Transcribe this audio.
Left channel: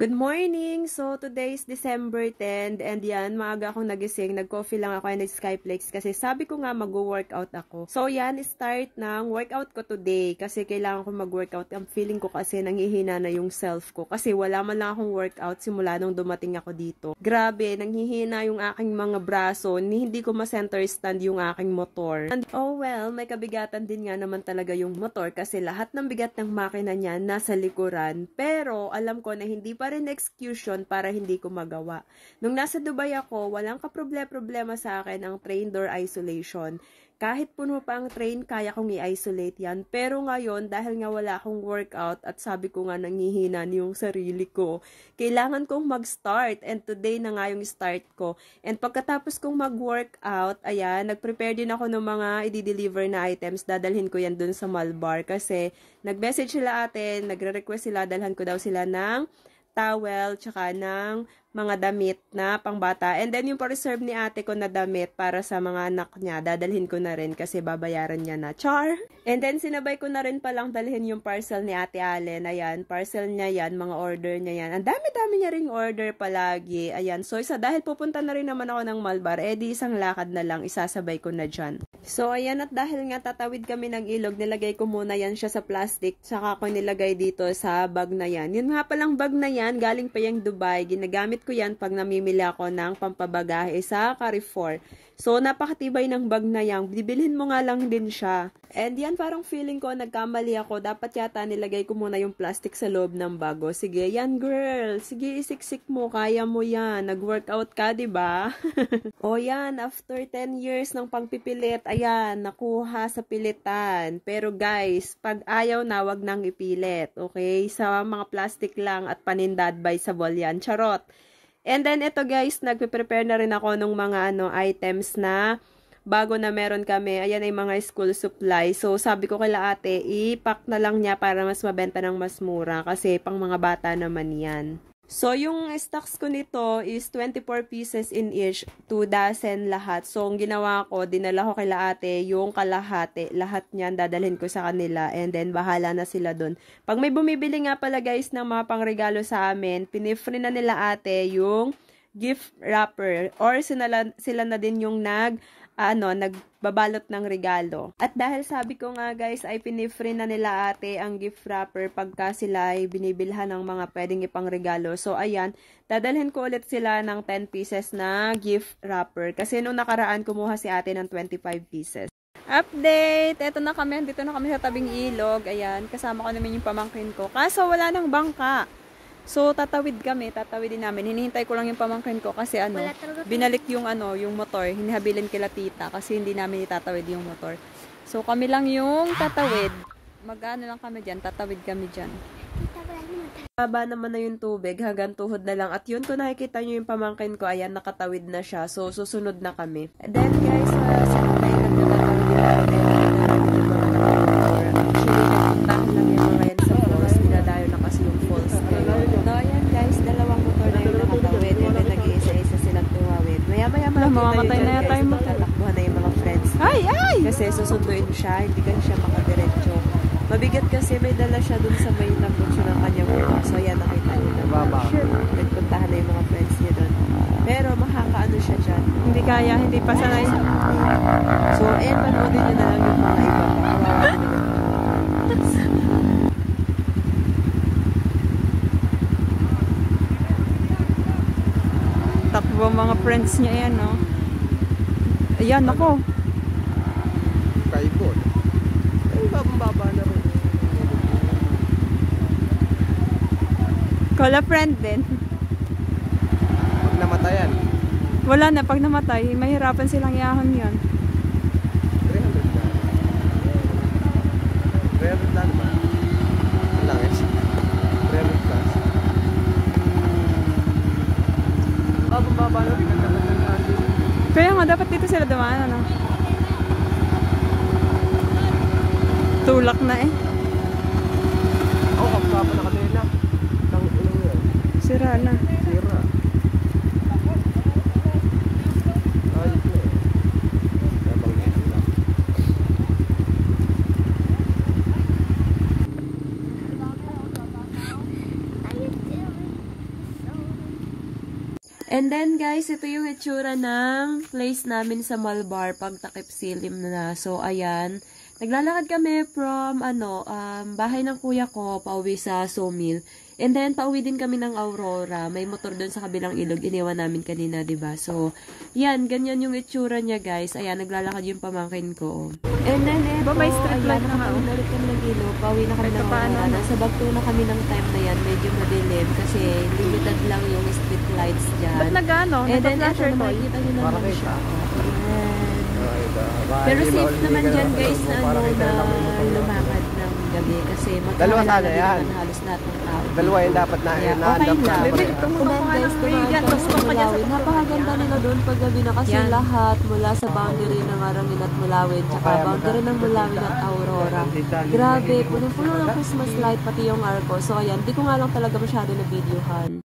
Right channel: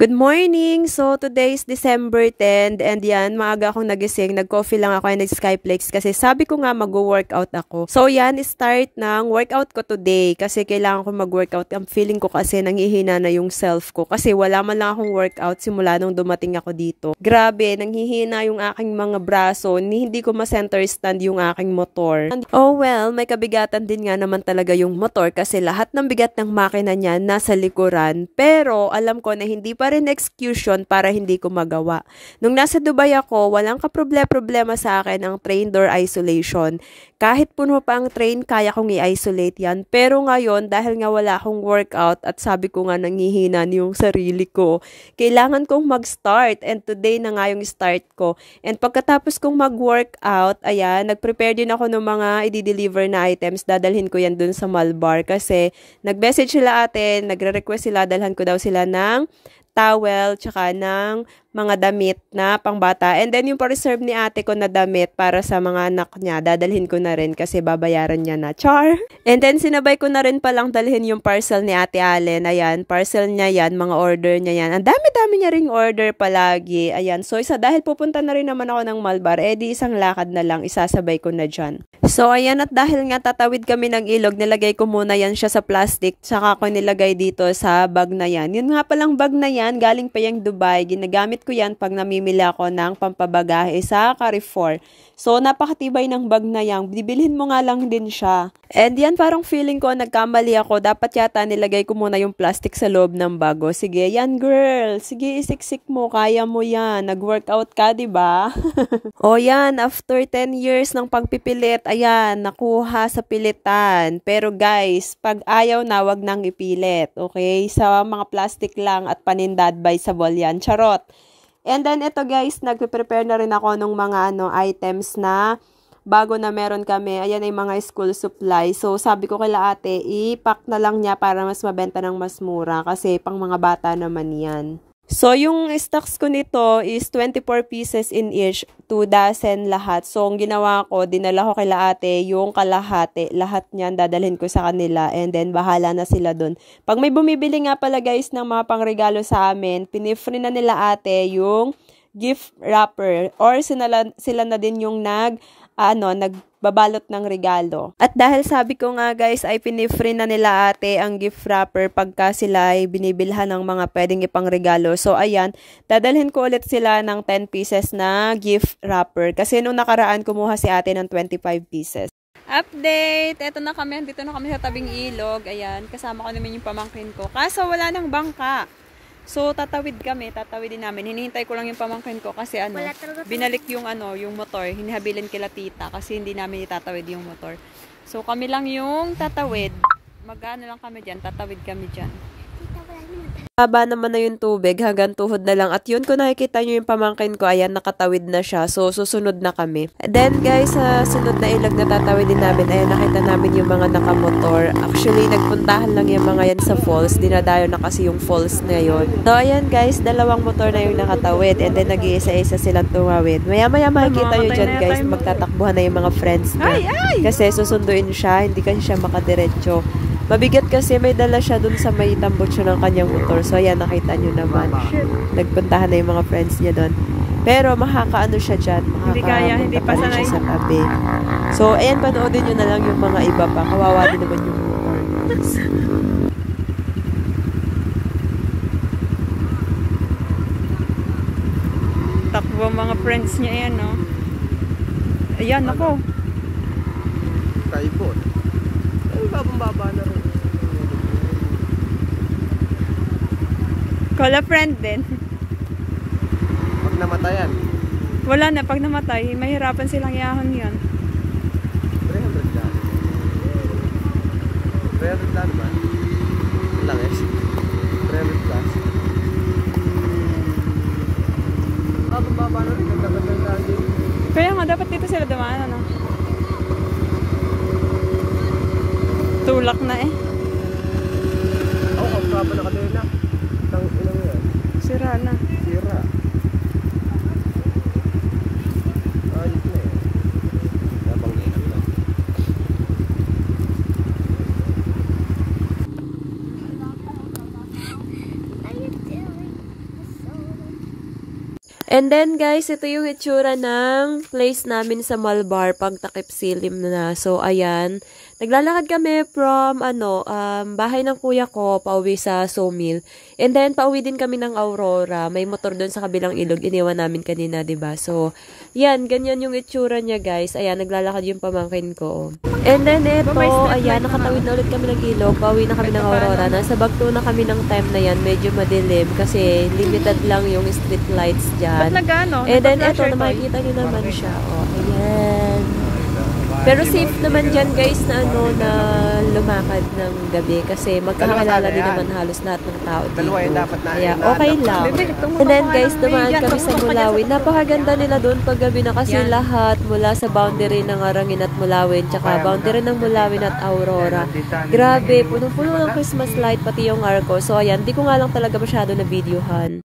Good morning! So, today is December 10 and yan, maaga akong nagising. Nag-coffee lang ako and nag-Skyplex kasi sabi ko nga mag-workout ako. So, yan, start ng workout ko today kasi kailangan ko mag-workout. Ang feeling ko kasi nanghihina na yung self ko kasi wala man lang akong workout simula nung dumating ako dito. Grabe, nanghihina yung aking mga braso. Hindi ko ma-center stand yung aking motor. And, oh well, may kabigatan din nga naman talaga yung motor kasi lahat ng bigat ng makina niya nasa likuran. Pero, alam ko na hindi pa rin execution para hindi ko magawa. Nung nasa Dubai ako, walang kaproblema sa akin ang train door isolation. Kahit puno pa ang train, kaya kong i-isolate yan. Pero ngayon, dahil nga wala akong workout at sabi ko nga nanghihina yung sarili ko, kailangan kong mag-start and today na nga yung start ko. And pagkatapos kong mag-workout, ayan, nag-prepare din ako ng mga i-deliver na items. Dadalhin ko yan dun sa Malbar kasi nag-message sila ate, nagre-request sila, dalhan ko daw sila ng towel, tsaka ng mga damit na pangbata. And then yung pa-reserve ni ate ko na damit para sa mga anak niya, dadalhin ko na rin kasi babayaran niya na. Char! And then sinabay ko na rin palang dalhin yung parcel ni ate Allen. Ayan, parcel niya yan, mga order niya yan. Ang dami-dami niya ring order palagi. Ayan, so dahil pupunta na rin naman ako ng Malbar, di isang lakad na lang, isasabay ko na dyan. So ayan, at dahil nga tatawid kami ng ilog, nilagay ko muna yan siya sa plastic, tsaka ko nilagay dito sa bag na yan. Yun nga palang bag na yan, galing pa yung Dubai, ginagamit ko yan pag namimili ako ng pampabagahe sa Carrefour. So, napakatibay ng bag na yan. Bibilhin mo nga lang din siya. And yan, parang feeling ko, nagkamali ako. Dapat yata nilagay ko muna yung plastic sa loob ng bago. Sige, yan girl. Sige, isiksik mo. Kaya mo yan. Nag-workout ka, diba? O yan, after 10 years ng pagpipilit, ayan, nakuha sa pilitan. Pero guys, pag ayaw na, wag nang ipilit. Okay? Sa mga plastic lang at paninda advisable yan. Charot. And then ito guys, nagpe-prepare na rin ako ng mga items na bago na meron kami. Ayan ay mga school supply. So sabi ko kay ate, i-pack na lang niya para mas mabenta ng mas mura kasi pang mga bata naman yan. So yung stocks ko nito is 24 pieces in each, 2 dozen lahat. So ang ginawa ko, dinala ko kay ate yung kalahati. Lahat niyan dadalhin ko sa kanila and then bahala na sila dun. Pag may bumibili nga pala guys ng mga pangregalo sa amin, pinifree na nila ate yung gift wrapper or sila na din yung nagbabalot ng regalo. At dahil sabi ko nga guys ay pinifree na nila ate ang gift wrapper pagka sila ay binibilhan ng mga pwedeng ipang regalo. So ayan, dadalhin ko ulit sila ng 10 pieces na gift wrapper kasi nung nakaraan kumuha si ate ng 25 pieces. Update! Eto na kami, dito na kami sa tabing ilog. Ayan, kasama ko naman yung pamangkin ko. Kaso wala nang bangka. So, tatawidin namin. Hinihintay ko lang yung pamangkin ko kasi binalik yung yung motor. Hinihabilin kila tita kasi hindi namin itatawid yung motor. So, kami lang yung tatawid. Mag-ano lang kami dyan, tatawid kami dyan. Haba naman na yung tubig, hanggang tuhod na lang. At yun, kung nakikita nyo yung pamangkin ko, ayan, nakatawid na siya. So, susunod na kami. Then, guys, sa sunod na ilag na tatawidin namin, ayun, nakita namin yung mga nakamotor. Actually, nagpuntahan lang yung mga yan sa falls. Dinadayo na kasi yung falls na yun. So, ayan, guys, dalawang motor na yung nakatawid. And then, nag-iisa-isa silang tumawid. Maya-maya makikita nyo dyan, guys, magtatakbuhan na yung mga friends niya. Kasi susunduin siya, hindi kasi siya makadiretso. Mabigat kasi may dala siya dun sa may tambot siya ng kanyang motor. So, ayan, nakita nyo naman. Nagpuntahan na yung mga friends niya dun. Pero, makakaano siya dyan. Hindi kaya, hindi pa sanay. Sa kape. So, ayan, panoodin nyo na lang yung mga iba pa. Kawawa din naman yung takbo mga friends niya yan, no? Ayan, ako. Taibo. Ay, bagong baba na rin. Call a friend din. Pag namatayan. Wala na, pag namatay, mahirapan silang iahon yan. Credit lang ba? Langos. Credit lang. Bagong baba na rin. Ganda-ganda natin. Kaya nga, dapat dito sila dumaan, ano? Tulak na eh. Oo, ang baba na kanina. Tang ina mo yan. Sira na. Sira. Ayos na eh. Nabang na sila. And then guys, ito yung itsura ng place namin sa Malbar pag takip silim na. So ayan, naglalakad kami from bahay ng kuya ko pauwi sa sawmill. And then pauwi din kami ng Aurora. May motor doon sa kabilang ilog, iniwan namin kanina, 'di ba? So, yan, ganyan yung itsura niya, guys. Ayan, naglalakad yung pamangkin ko. And then ito, ayan, nakatawid na ulit kami ng ilog. Pauwi na kami ng Aurora. Nasa Bagto na kami ng time na yan. Medyo madilim kasi limited lang yung street lights dyan. Ba't nag-ano? And then ito, makikita nyo naman siya. Ayan. Pero safe naman dyan, guys, na lumakad ng gabi kasi magkakilala din naman halos lahat ng tao. Dalawa yung dapat na. Kaya okay lang. And then guys, dumaan kami sa Mulawin. Napakaganda nila doon paggabi na kasi lahat mula sa boundary ng Arangin at Mulawin, tsaka boundary ng Mulawin at Aurora. Grabe, punong-puno ng Christmas light pati yung arco. So ayan, di ko nga lang talaga masyado na videohan.